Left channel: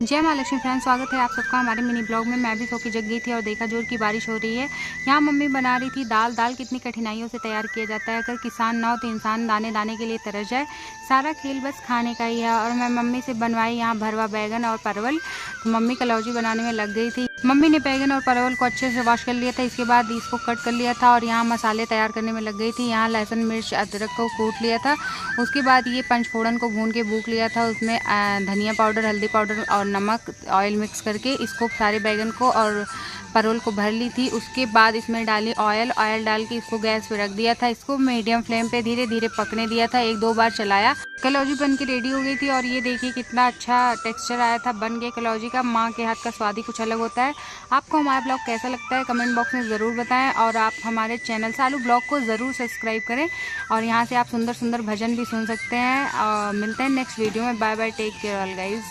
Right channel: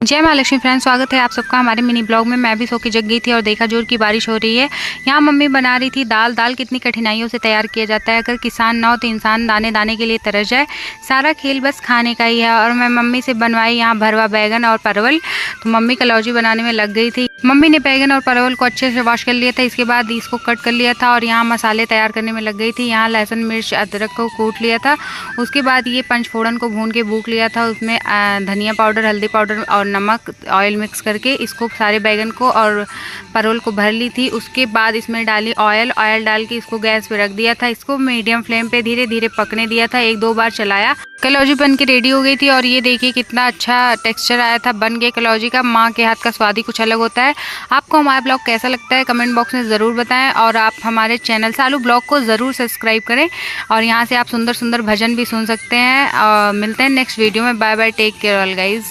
जय महालक्ष्मी फ्रेंड्स, स्वागत है आप सबका हमारे मिनी ब्लॉग में। मैं भी सो के जग गई थी और देखा जोर की बारिश हो रही है। यहाँ मम्मी बना रही थी दाल। दाल कितनी कठिनाइयों से तैयार किया जाता है। अगर किसान ना हो तो इंसान दाने दाने के लिए तरस जाए। सारा खेल बस खाने का ही है। और मैं मम्मी से बनवाई यहाँ भरवा बैगन और परवल। तो मम्मी कलौजी बनाने में लग गई थी। मम्मी ने बैगन और परवल को अच्छे से वॉश कर लिया था। इसके बाद इसको कट कर लिया था और यहाँ मसाले तैयार करने में लग गई थी। यहाँ लहसुन मिर्च अदरक को कूट लिया था। उसके बाद ये पंचफोड़न को भून के भूक लिया था। उसमें धनिया पाउडर, हल्दी पाउडर और नमक, ऑयल मिक्स करके इसको सारे बैगन को और परवल को भर ली थी। उसके बाद इसमें डाली ऑयल डाल के इसको गैस पे रख दिया था। इसको मीडियम फ्लेम पे धीरे धीरे पकने दिया था। एक दो बार चलाया। कलौजी बन के रेडी हो गई थी और ये देखिए कितना अच्छा टेक्सचर आया था बन के कलौजी का। माँ के हाथ का स्वाद ही कुछ अलग होता है। आपको हमारा ब्लॉग कैसा लगता है कमेंट बॉक्स में ज़रूर बताएं। और आप हमारे चैनल सालू ब्लॉग को ज़रूर सब्सक्राइब करें। और यहाँ से आप सुंदर सुंदर भजन भी सुन सकते हैं। मिलते हैं नेक्स्ट वीडियो में। Bye bye, take care all guys.